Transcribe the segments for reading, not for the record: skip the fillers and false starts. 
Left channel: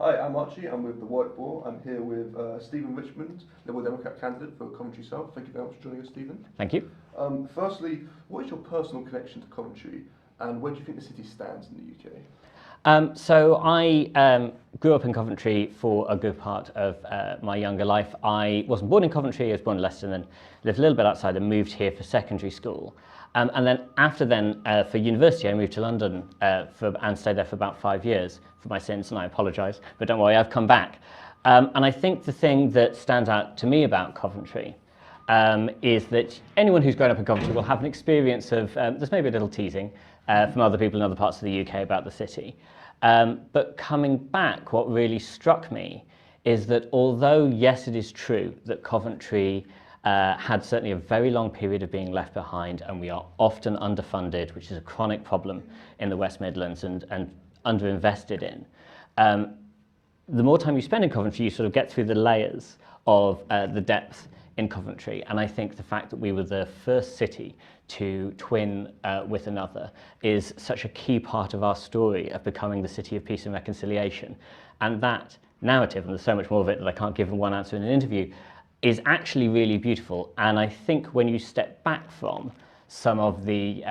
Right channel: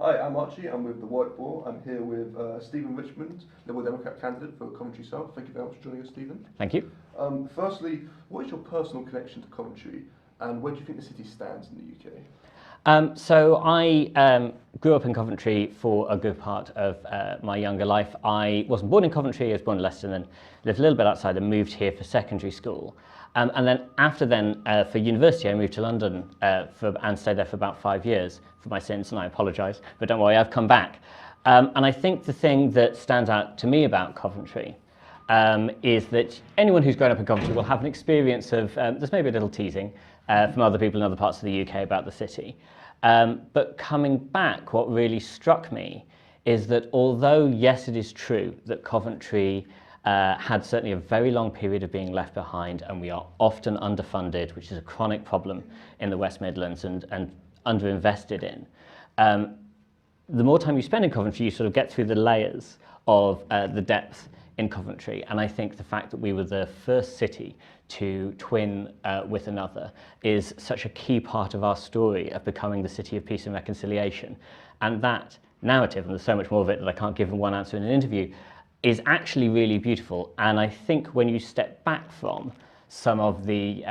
Hi, I'm Archie. I'm with the Warwick Boar. I'm here with Stephen Richmond, Liberal Democrat candidate for Coventry South. Thank you very much for joining us, Stephen. Thank you. Firstly, what is your personal connection to Coventry, and where do you think the city stands in the UK? So I grew up in Coventry for a good part of my younger life. I wasn't born in Coventry, I was born in Leicester, and then lived a little bit outside and moved here for secondary school. And then after then, for university, I moved to London and stayed there for about 5 years for my sins, and I apologise, but don't worry, I've come back. And I think the thing that stands out to me about Coventry is that anyone who's grown up in Coventry will have an experience of, there's maybe a little teasing from other people in other parts of the UK about the city. But coming back, what really struck me is that although, yes, it is true that Coventry had certainly a very long period of being left behind, and we are often underfunded, which is a chronic problem in the West Midlands, and underinvested in. The more time you spend in Coventry, you sort of get through the layers of the depth in Coventry, and I think the fact that we were the first city to twin with another is such a key part of our story of becoming the city of peace and reconciliation. And that narrative, and there's so much more of it that I can't give in one answer in an interview, is actually really beautiful. And I think when you step back from some of the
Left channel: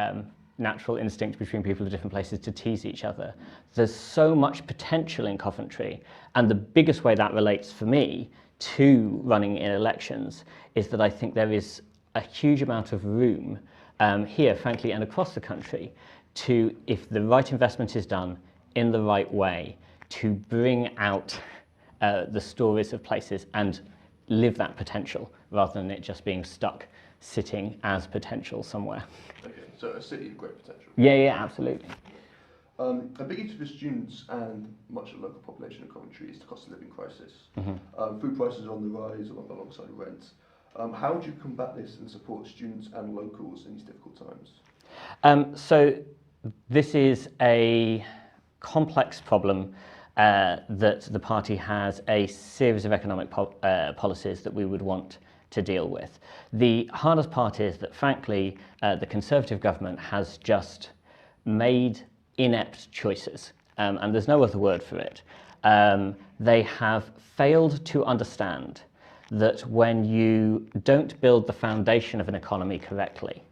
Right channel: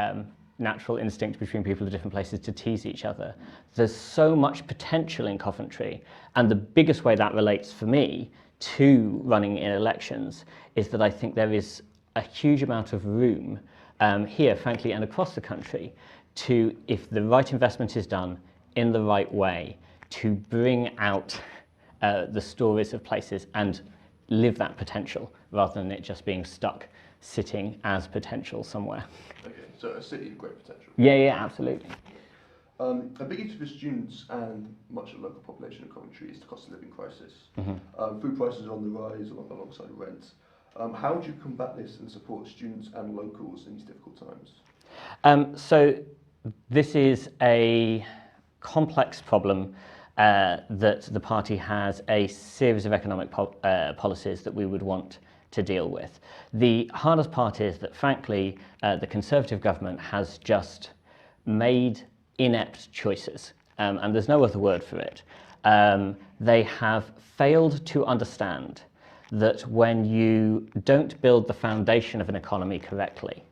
natural instinct between people of different places to tease each other, there's so much potential in Coventry. And the biggest way that relates for me to running in elections is that I think there is a huge amount of room here, frankly, and across the country, to, if the right investment is done in the right way, to bring out the stories of places and live that potential, rather than it just being stuck sitting as potential somewhere. Okay, so a city of great potential. Yeah, absolutely. A big issue for students and much of the local population of Coventry is the cost of living crisis. Food prices are on the rise alongside rent. How do you combat this and support students and locals in these difficult times? So this is a complex problem that the party has a series of economic policies that we would want to deal with. The hardest part is that, frankly, the Conservative government has just made inept choices, and there's no other word for it. They have failed to understand that when you don't build the foundation of an economy correctly,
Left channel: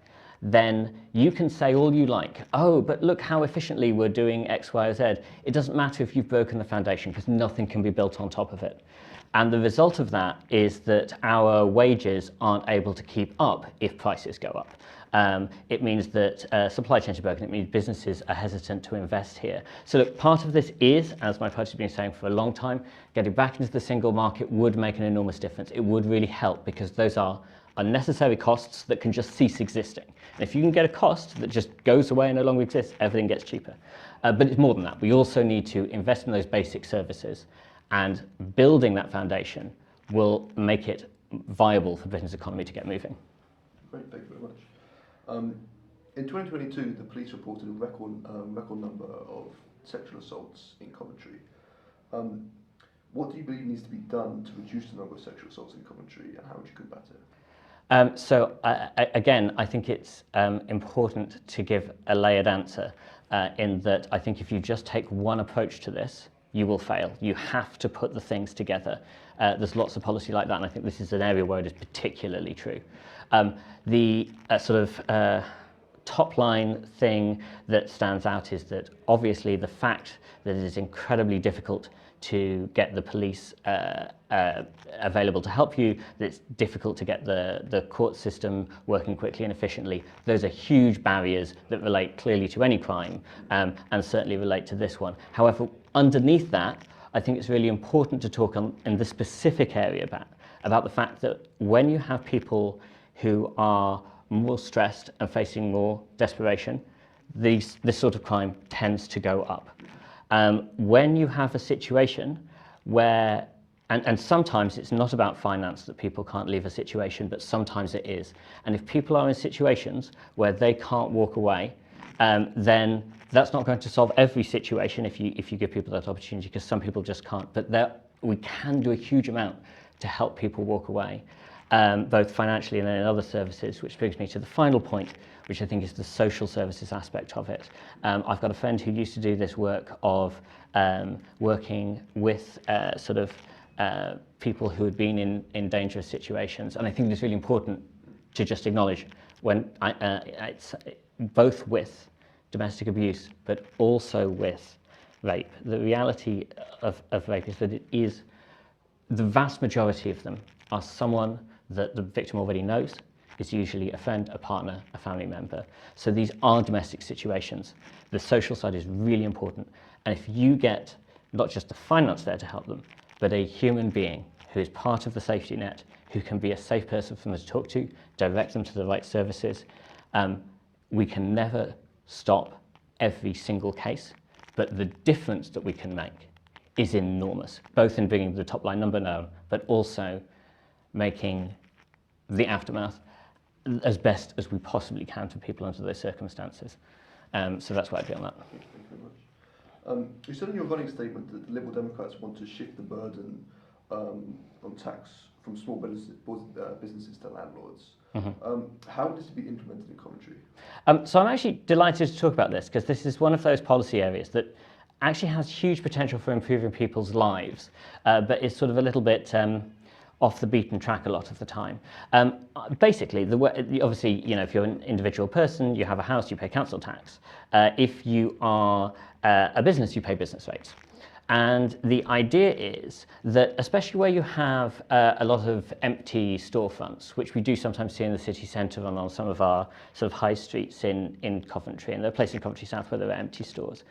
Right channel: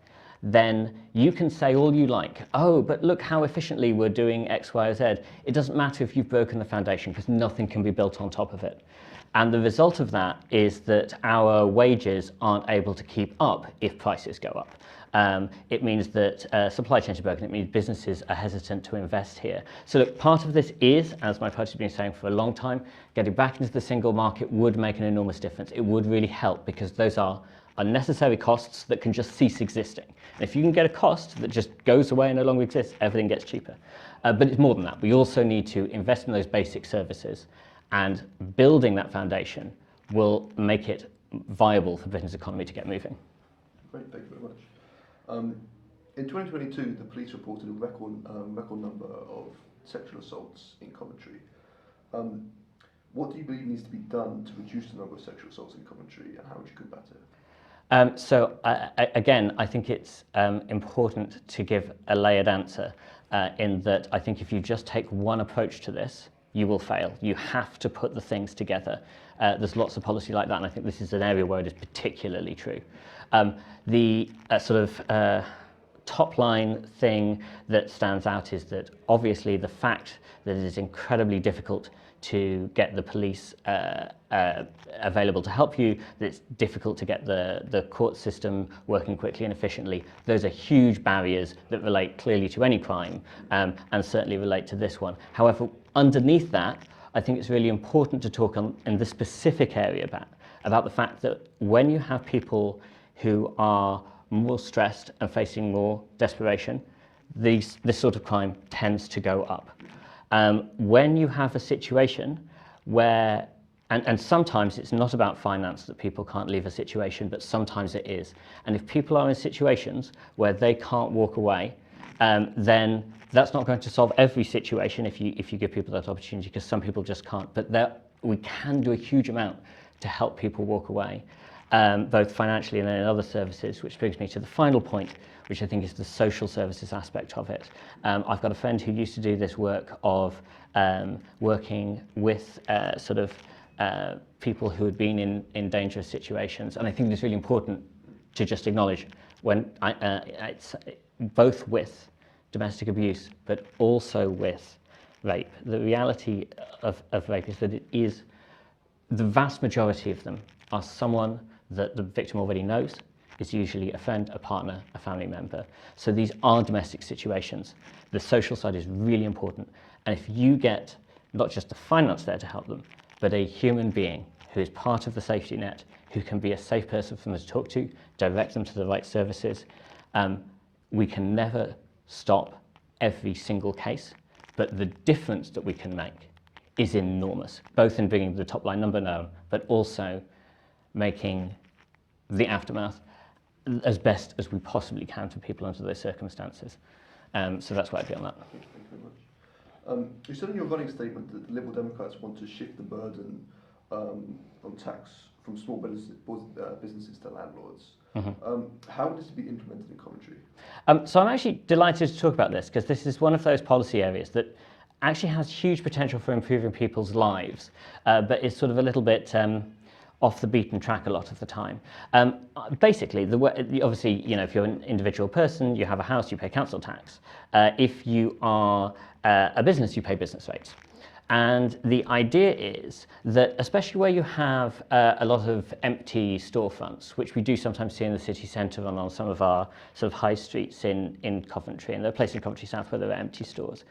then you can say all you like, oh, but look how efficiently we're doing X, Y, or Z. It doesn't matter if you've broken the foundation, because nothing can be built on top of it. And the result of that is that our wages aren't able to keep up if prices go up. It means that supply chains are broken. It means businesses are hesitant to invest here. So look, part of this is, as my party's been saying for a long time, getting back into the single market would make an enormous difference. It would really help, because those are unnecessary costs that can just cease existing. And if you can get a cost that just goes away and no longer exists, everything gets cheaper. But it's more than that. We also need to invest in those basic services, and building that foundation will make it viable for Britain's economy to get moving. Great, thank you very much. In 2022, the police reported a record number of sexual assaults in Coventry. What do you believe needs to be done to reduce the number of sexual assaults in Coventry, and how would you combat it? Again, I think it's important to give a layered answer in that I think if you just take one approach to this, you will fail. You have to put the things together. There's lots of policy like that, and I think this is an area where it is particularly true. The top line thing that stands out is that obviously the fact that it is incredibly difficult to get the police available to help you, that it's difficult to get the court system working quickly and efficiently. Those are huge barriers that relate clearly to any crime, and certainly relate to this one. However, underneath that, I think it's really important to talk in this specific area about the fact that when you have people who are more stressed and facing more desperation, this sort of crime tends to go up. When you have a situation where, and sometimes it's not about finance that people can't leave a situation, but sometimes it is. And if people are in situations where they can't walk away, then that's not going to solve every situation if you give people that opportunity, because some people just can't. But we can do a huge amount to help people walk away. both financially and then in other services, which brings me to the final point, which I think is the social services aspect of it. I've got a friend who used to do this work of working with people who had been in dangerous situations, and I think it's really important to just acknowledge when it's both with domestic abuse, but also with rape. The reality of rape is that it is, the vast majority of them are someone that the victim already knows, is usually a friend, a partner, a family member. So these are domestic situations. The social side is really important. And if you get not just the finance there to help them, but a human being who is part of the safety net, who can be a safe person for them to talk to, direct them to the right services, we can never stop every single case, but the difference that we can make is enormous, both in bringing the top line number known, but also making the aftermath as best as we possibly can for people under those circumstances. So that's why I'd be on that. Thank you very much. You said in your running statement that the Liberal Democrats want to shift the burden on tax from small businesses to landlords. Mm-hmm. How would this be implemented in Coventry? So I'm actually delighted to talk about this, because this is one of those policy areas that actually has huge potential for improving people's lives, but is sort of a little bit off the beaten track a lot of the time. Basically, obviously, if you're an individual person, you have a house, you pay council tax. If you are a business, you pay business rates. And the idea is that, especially where you have a lot of empty storefronts, which we do sometimes see in the city centre and on some of our sort of high streets in Coventry, and there are places in Coventry South where there are empty stores.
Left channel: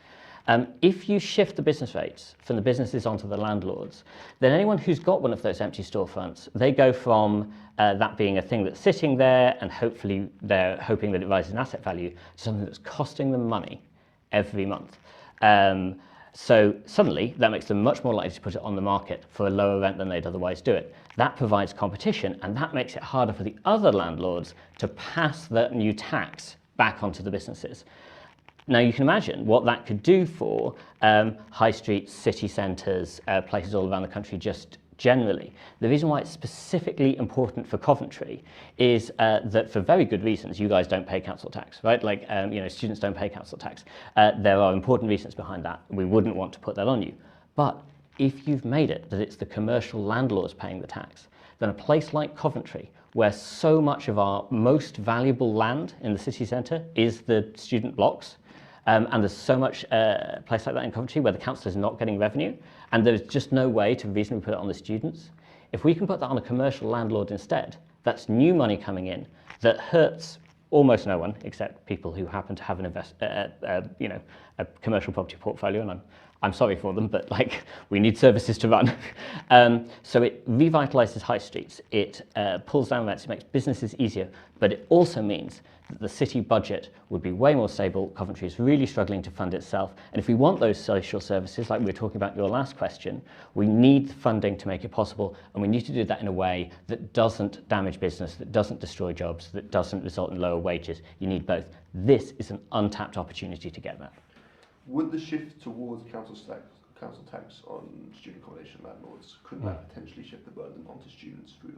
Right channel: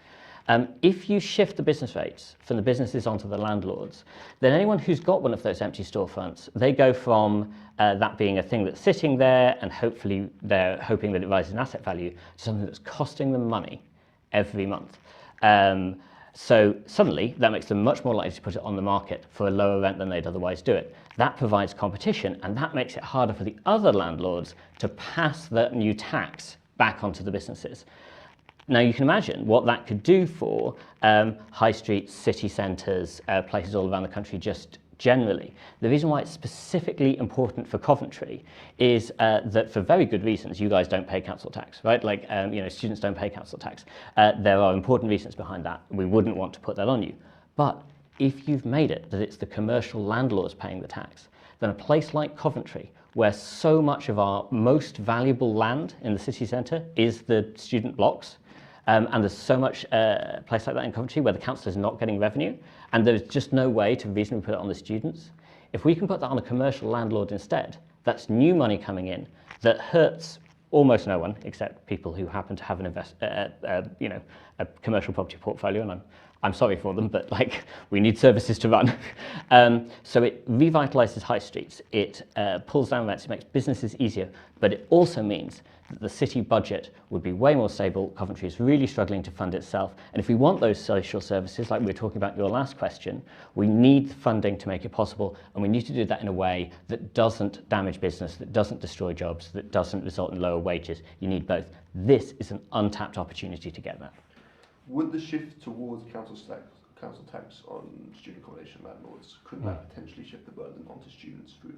If you shift the business rates from the businesses onto the landlords, then anyone who's got one of those empty storefronts, they go from that being a thing that's sitting there and hopefully they're hoping that it rises in asset value, to something that's costing them money every month. So suddenly that makes them much more likely to put it on the market for a lower rent than they'd otherwise do it. That provides competition, and that makes it harder for the other landlords to pass that new tax back onto the businesses. Now you can imagine what that could do for high streets, city centres, places all around the country just generally. The reason why it's specifically important for Coventry is that, for very good reasons, you guys don't pay council tax, right? Like, students don't pay council tax. There are important reasons behind that. We wouldn't want to put that on you. But if you've made it that it's the commercial landlords paying the tax, then a place like Coventry, where so much of our most valuable land in the city centre is the student blocks, and there's so much place like that in Coventry where the council is not getting revenue, and there's just no way to reasonably put it on the students. If we can put that on a commercial landlord instead, that's new money coming in that hurts almost no one except people who happen to have a commercial property portfolio, and I'm sorry for them, but we need services to run. So it revitalises high streets, it pulls down rents, it makes businesses easier, but it also means that the city budget would be way more stable. Coventry is really struggling to fund itself, and if we want those social services, like we were talking about in your last question, we need funding to make it possible, and we need to do that in a way that doesn't damage business, that doesn't destroy jobs, that doesn't result in lower wages. You need both. This is an untapped opportunity to get that. Would the shift towards council tax on student accommodation landlords, could that potentially shift the burden onto students through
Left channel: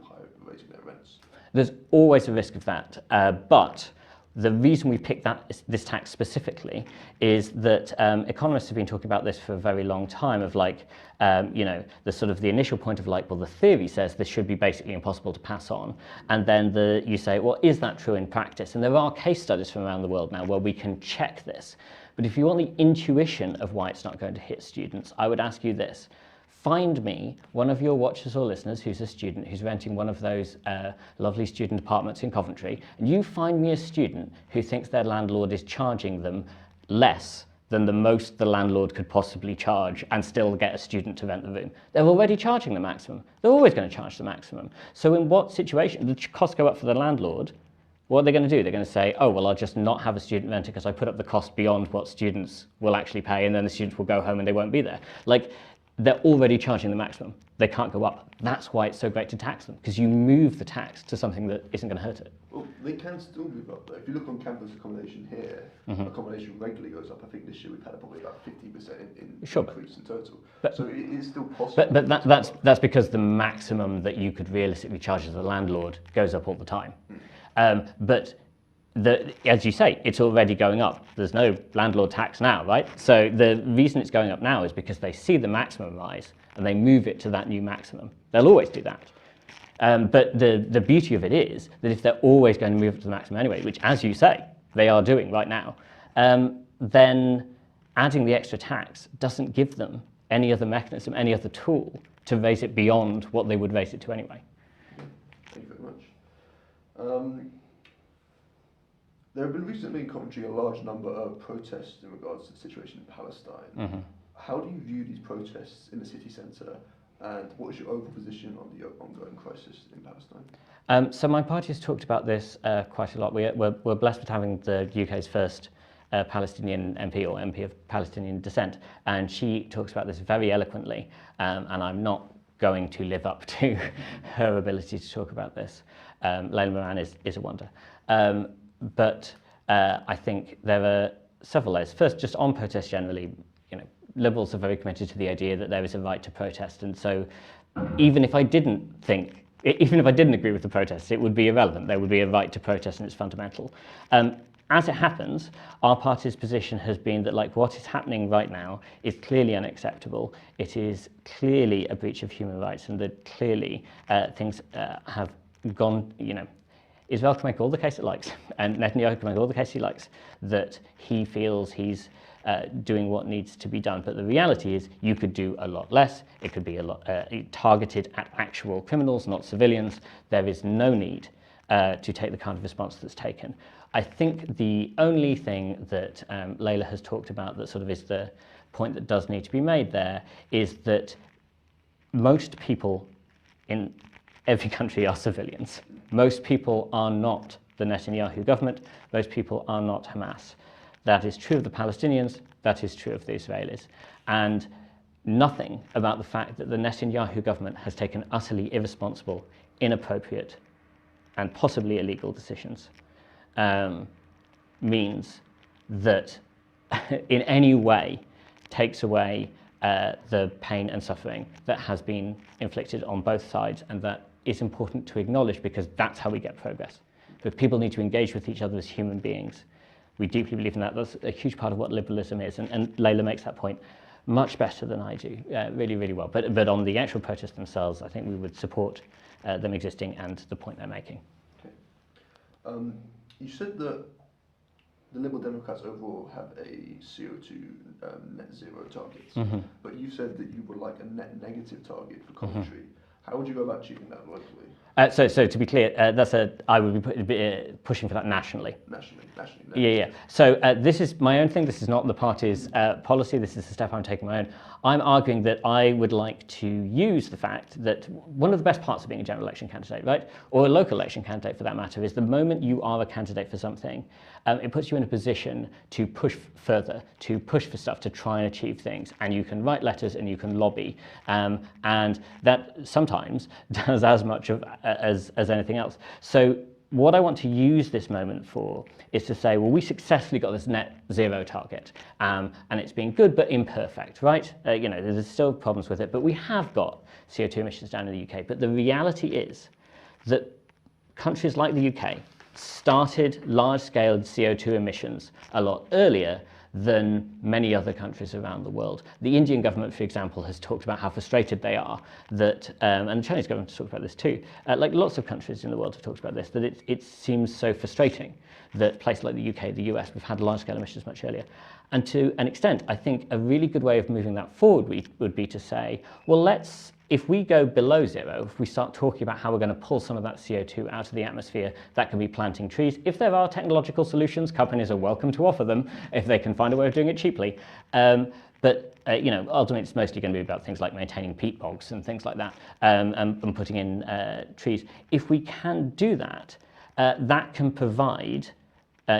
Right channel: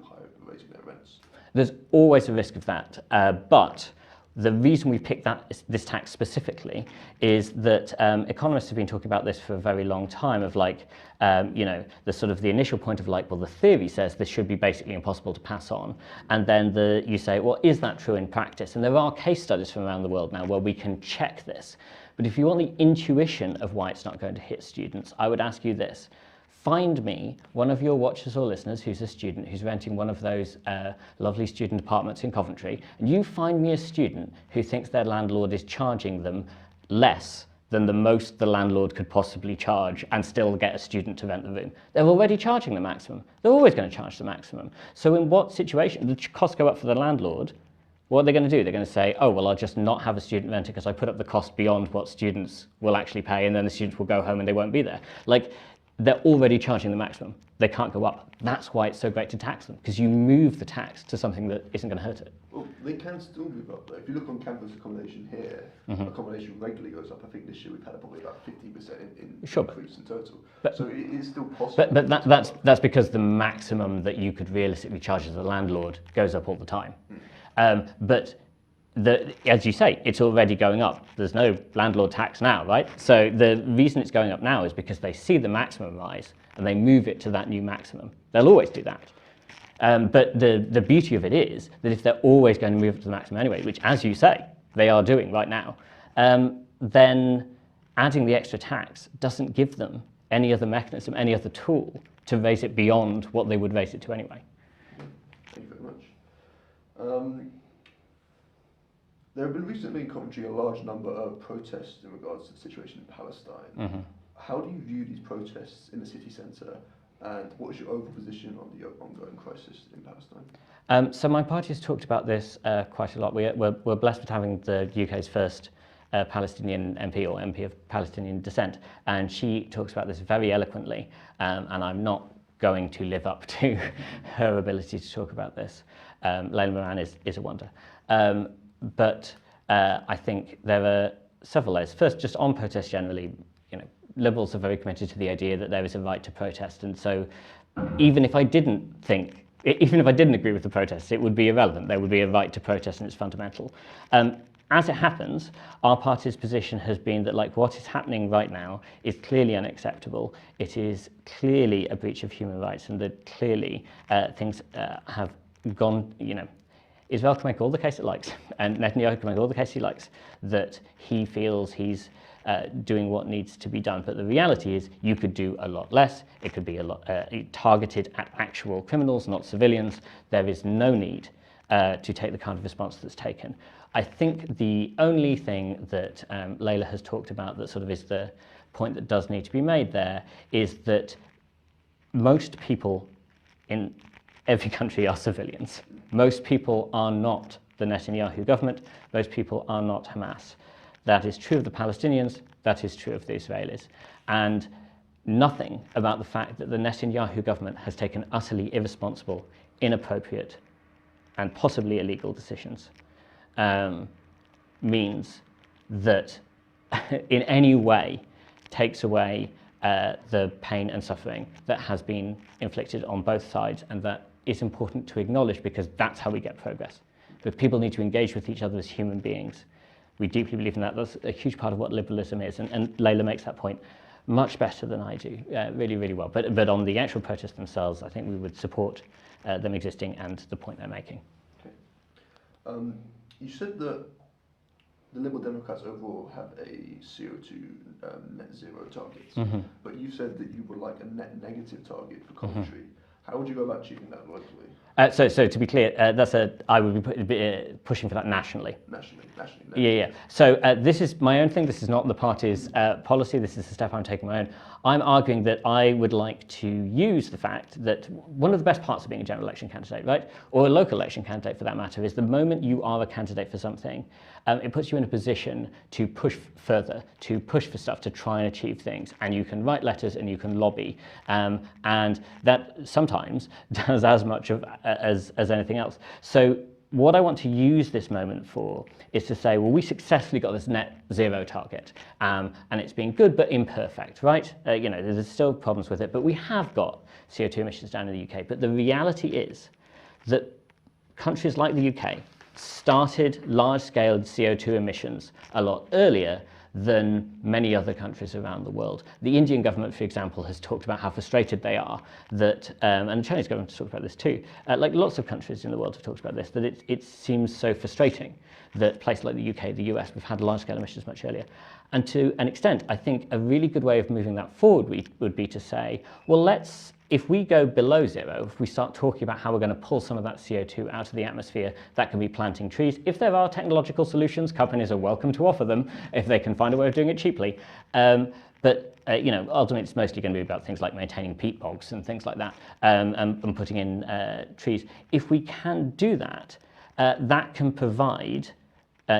raising their rents? There's always a risk of that, but the reason we picked this tax specifically is that economists have been talking about this for a very long time, of the sort of the initial point of well, the theory says this should be basically impossible to pass on, and then you say, well, is that true in practice? And there are case studies from around the world now where we can check this. But if you want the intuition of why it's not going to hit students, I would ask you this. Find me one of your watchers or listeners who's a student who's renting one of those lovely student apartments in Coventry, and you find me a student who thinks their landlord is charging them less than the most the landlord could possibly charge and still get a student to rent the room. They're already charging the maximum. They're always going to charge the maximum. So in what situation, the costs go up for the landlord, what are they going to do? They're going to say, oh, well, I'll just not have a student renter because I put up the cost beyond what students will actually pay, and then the students will go home and they won't be there. they're already charging the maximum. They can't go up. That's why it's so great to tax them, because you move the tax to something that isn't going to hurt it. Well, they can still move up though. If you look on campus accommodation here, accommodation regularly goes up. I think this year we've had probably about 50% in Sure, increase in total. but- So it is still possible. But that's because the maximum that you could realistically charge as a landlord goes up all the time. But as you say, it's already going up. There's no landlord tax now, right? So the reason it's going up now is because they see the maximum rise and they move it to that new maximum. They'll always do that. But the beauty of it is that if they're always going to move it to the maximum anyway, which, as you say, they are doing right now, then adding the extra tax doesn't give them any other mechanism, any other tool to raise it beyond what they would raise it to anyway. Thank you very much. There have been recently in Coventry a large number of protests in regards to the situation in Palestine. How do you view these protests in the city centre, and what is your overall position on the ongoing crisis in Palestine? So my party has talked about this quite a lot. We're blessed with having the UK's first Palestinian MP, or MP of Palestinian descent, and she talks about this very eloquently, and I'm not going to live up to her ability to talk about this. Layla Moran is a wonder. But I think there are several layers. First, just on protests generally, Liberals are very committed to the idea that there is a right to protest, and so even if I didn't agree with the protests, it would be irrelevant. There would be a right to protest, and it's fundamental. As it happens, our party's position has been that, like, what is happening right now is clearly unacceptable. It is clearly a breach of human rights, and that clearly things have gone, Israel can make all the case it likes, and Netanyahu can make all the case he likes, that he feels he's doing what needs to be done. But the reality is you could do a lot less. It could be a lot targeted at actual criminals, not civilians. There is no need to take the kind of response that's taken. I think the only thing that Layla has talked about that sort of is the point that does need to be made there is that most people in every country are civilians. Most people are not the Netanyahu government. Most people are not Hamas. That is true of the Palestinians. That is true of the Israelis. And nothing about the fact that the Netanyahu government has taken utterly irresponsible, inappropriate, and possibly illegal decisions means that in any way takes away the pain and suffering that has been inflicted on both sides, and that is important to acknowledge, because that's how we get progress. Because people need to engage with each other as human beings. We deeply believe in that. That's a huge part of what liberalism is, and Layla makes that point much better than I do, really, really well. But on the actual protests themselves, I think we would support them existing and the point they're making. Okay. You said that the Liberal Democrats overall have a CO2 net zero target, but you said that you would like a net negative target for Coventry. How would you go about achieving that locally? So to be clear, I would be pushing for that nationally. Nationally. Yeah. So this is my own thing. This is not the party's policy. This is a step I'm taking my own. I'm arguing that I would like to use the fact that one of the best parts of being a general election candidate, right, or a local election candidate for that matter, is the moment you are a candidate for something, it puts you in a position to push further, to push for stuff, to try and achieve things. And you can write letters and you can lobby. And that sometimes does as much as anything else. So what I want to use this moment for is to say, well, we successfully got this net zero target, and it's been good but imperfect, right? There's still problems with it, but we have got CO2 emissions down in the UK. But the reality is that countries like the UK started large-scale CO2 emissions a lot earlier than many other countries around the world. The Indian government, for example, has talked about how frustrated they are that, and the Chinese government has talked about this too, like lots of countries in the world have talked about this, that it seems so frustrating that places like the UK, the US, we've had large-scale emissions much earlier. And to an extent, I think a really good way of moving that forward would be to say, well, if we go below zero, if we start talking about how we're going to pull some of that CO2 out of the atmosphere, that can be planting trees. If there are technological solutions, companies are welcome to offer them if they can find a way of doing it cheaply. But ultimately, it's mostly going to be about things like maintaining peat bogs and things like that, and putting in trees. If we can do that, that can provide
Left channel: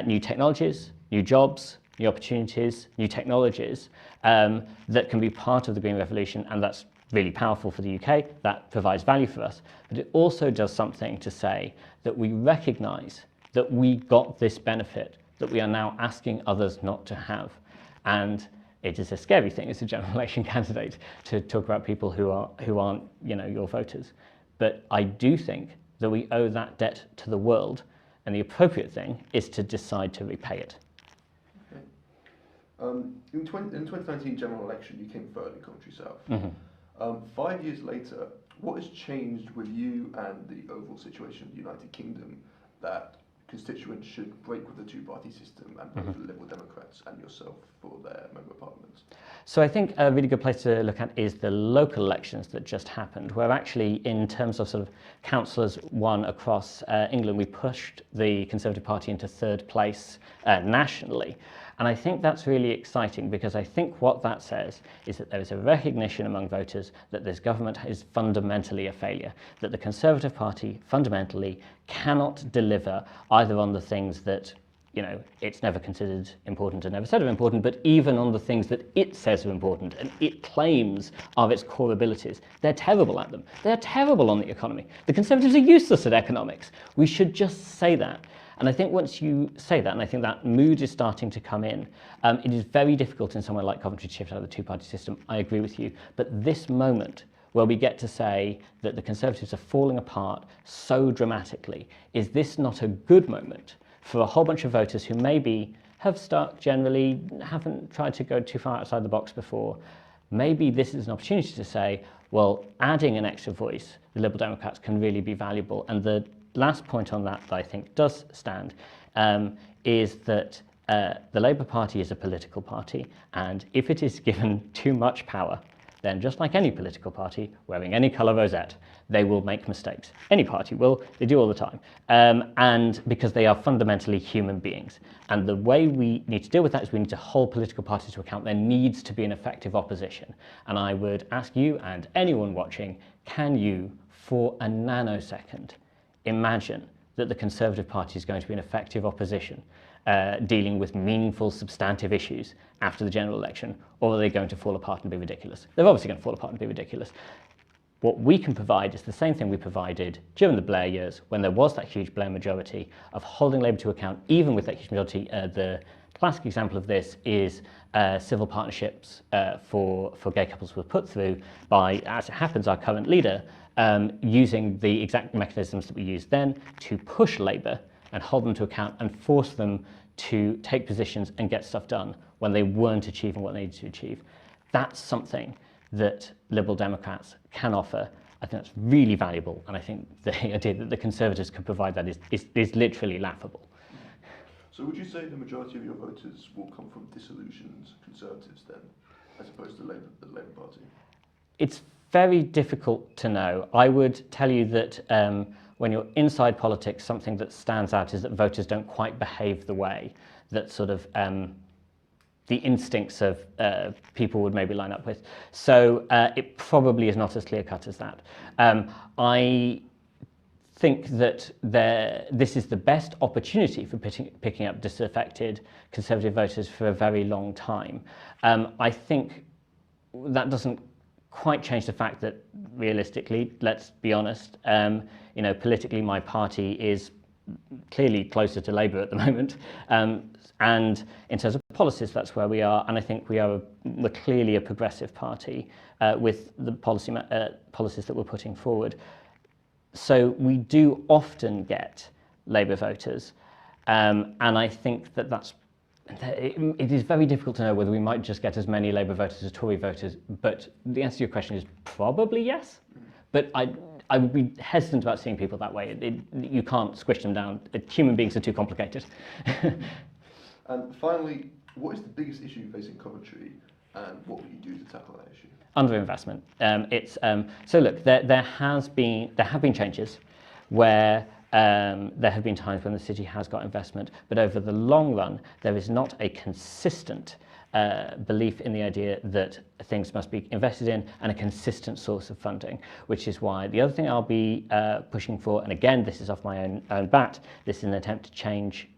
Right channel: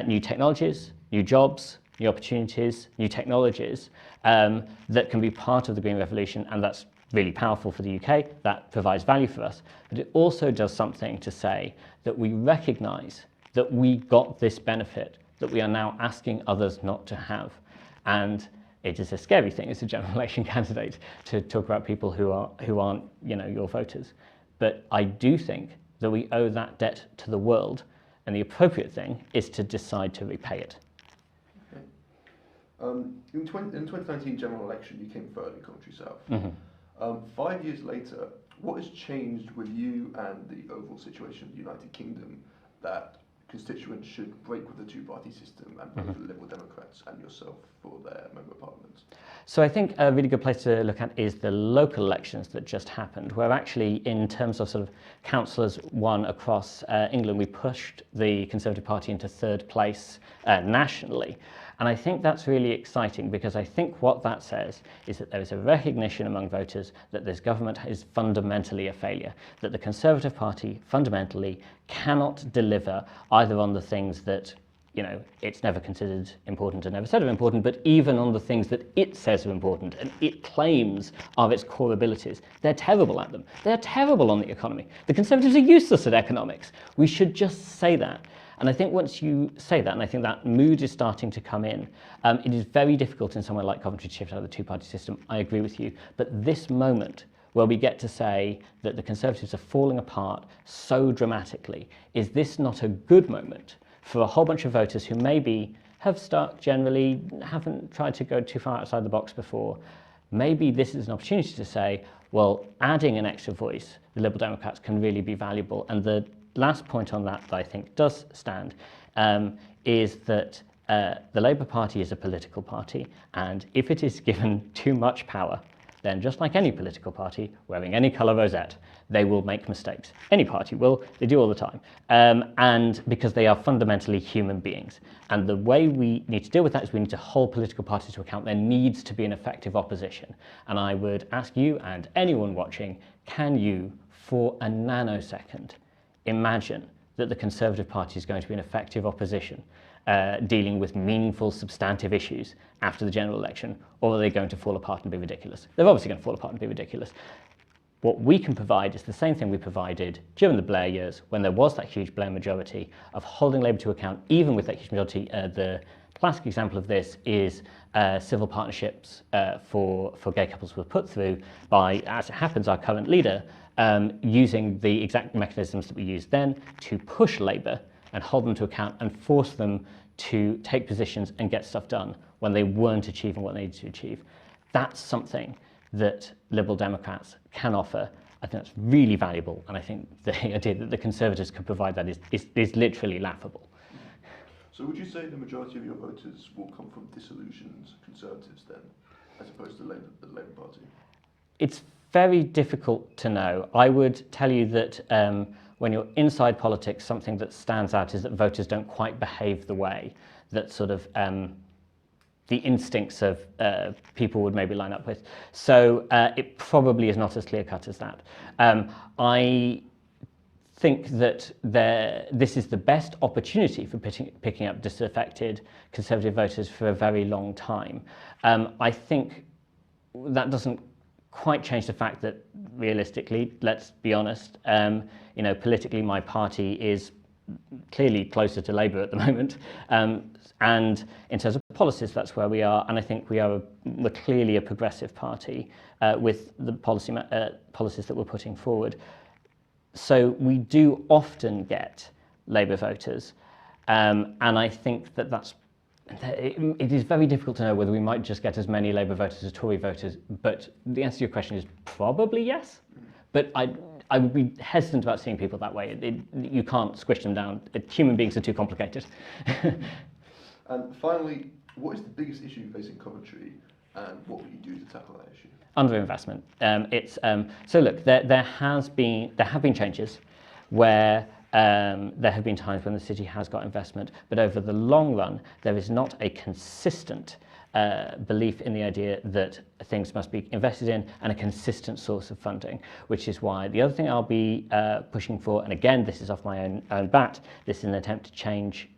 new technologies, new jobs, new opportunities, new technologies that can be part of the Green Revolution, and that's really powerful for the UK, that provides value for us. But it also does something to say that we recognise that we got this benefit that we are now asking others not to have. And it is a scary thing as a general election candidate to talk about people who aren't your voters. But I do think that we owe that debt to the world, and the appropriate thing is to decide to repay it. Okay. In 2019 general election, you came third in Coventry South. Mm-hmm. 5 years later, what has changed with you and the overall situation of the United Kingdom that constituents should break with the two-party system and vote for the Liberal Democrats and yourself for their member of parliament? So I think a really good place to look at is the local elections that just happened, where actually in terms of sort of councillors won across England, we pushed the Conservative Party into third place nationally. And I think that's really exciting, because I think what that says is that there is a recognition among voters that this government is fundamentally a failure, that the Conservative Party fundamentally cannot deliver either on the things that it's never considered important and never said are important, but even on the things that it says are important and it claims are its core abilities. They're terrible at them. They're terrible on the economy. The Conservatives are useless at economics. We should just say that. And I think once you say that, and I think that mood is starting to come in, it is very difficult in somewhere like Coventry to shift out of the two-party system. I agree with you. But this moment where we get to say that the Conservatives are falling apart so dramatically, is this not a good moment for a whole bunch of voters who maybe have stuck generally, haven't tried to go too far outside the box before? Maybe this is an opportunity to say, well, adding an extra voice, the Liberal Democrats can really be valuable. And the last point on that I think does stand is that the Labour Party is a political party, and if it is given too much power, then just like any political party wearing any colour rosette, they will make mistakes. Any party will, they do all the time. And because they are fundamentally human beings. And the way we need to deal with that is we need to hold political parties to account. There needs to be an effective opposition. And I would ask you and anyone watching, can you, for a nanosecond, imagine that the Conservative Party is going to be an effective opposition dealing with meaningful, substantive issues after the general election, or are they going to fall apart and be ridiculous? They're obviously going to fall apart and be ridiculous. What we can provide is the same thing we provided during the Blair years, when there was that huge Blair majority, of holding Labour to account, even with that huge majority. The classic example of this is civil partnerships for gay couples were put through by, as it happens, our current leader, using the exact mechanisms that we used then to push Labour and hold them to account and force them to take positions and get stuff done when they weren't achieving what they needed to achieve. That's something that Liberal Democrats can offer. I think that's really valuable, and I think the idea that the Conservatives could provide that is literally laughable. So would you say the majority of your voters will come from disillusioned Conservatives then, as opposed to the Labour Party? It's very difficult to know. I would tell you that when you're inside politics, something that stands out is that voters don't quite behave the way that sort of the instincts of people would maybe line up with. So it probably is not as clear-cut as that. I think that this is the best opportunity for picking up disaffected Conservative voters for a very long time. I think that doesn't quite change the fact that, realistically, let's be honest, politically my party is clearly closer to Labour at the moment. And in terms of policies, that's where we are. And I think we're clearly a progressive party with the policies that we're putting forward. So we do often get Labour voters. And I think it is very difficult to know whether we might just get as many Labour voters as Tory voters. But the answer to your question is probably yes. But I would be hesitant about seeing people that way. You can't squish them down. Human beings are too complicated. And finally, what is the biggest issue facing Coventry, and what will you do to tackle that issue? Underinvestment. So look, there have been changes where there have been times when the city has got investment, but over the long run, there is not a consistent belief in the idea that things must be invested in and a consistent source of funding, which is why the other thing I'll be pushing for, and again, this is off my own bat, this is an attempt to change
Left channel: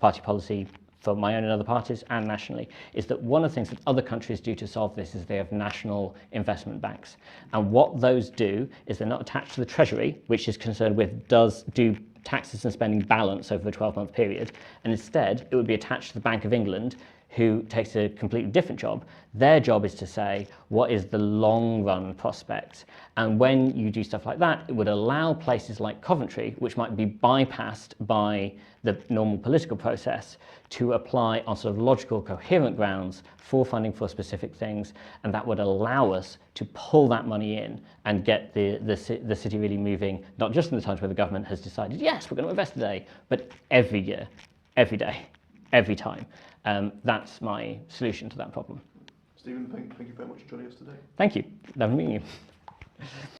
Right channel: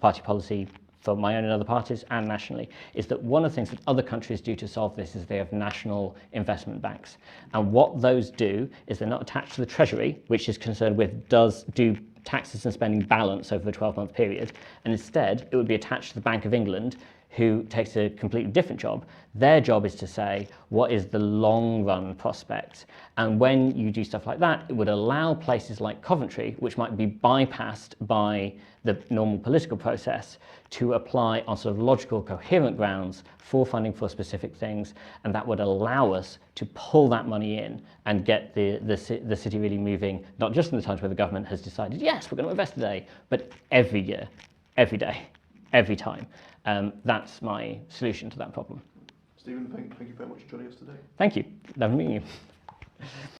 party policy for my own and other parties and nationally, is that one of the things that other countries do to solve this is they have national investment banks. And what those do is they're not attached to the Treasury, which is concerned with do taxes and spending balance over the 12-month period, and instead it would be attached to the Bank of England, who takes a completely different job. Their job is to say, what is the long-run prospect? And when you do stuff like that, it would allow places like Coventry, which might be bypassed by the normal political process, to apply on sort of logical, coherent grounds for funding for specific things, and that would allow us to pull that money in and get the city really moving, not just in the times where the government has decided, yes, we're going to invest today, but every year, every day, every time. That's my solution to that problem. Stephen, thank you very much for joining us today. Thank you. Lovely meeting you.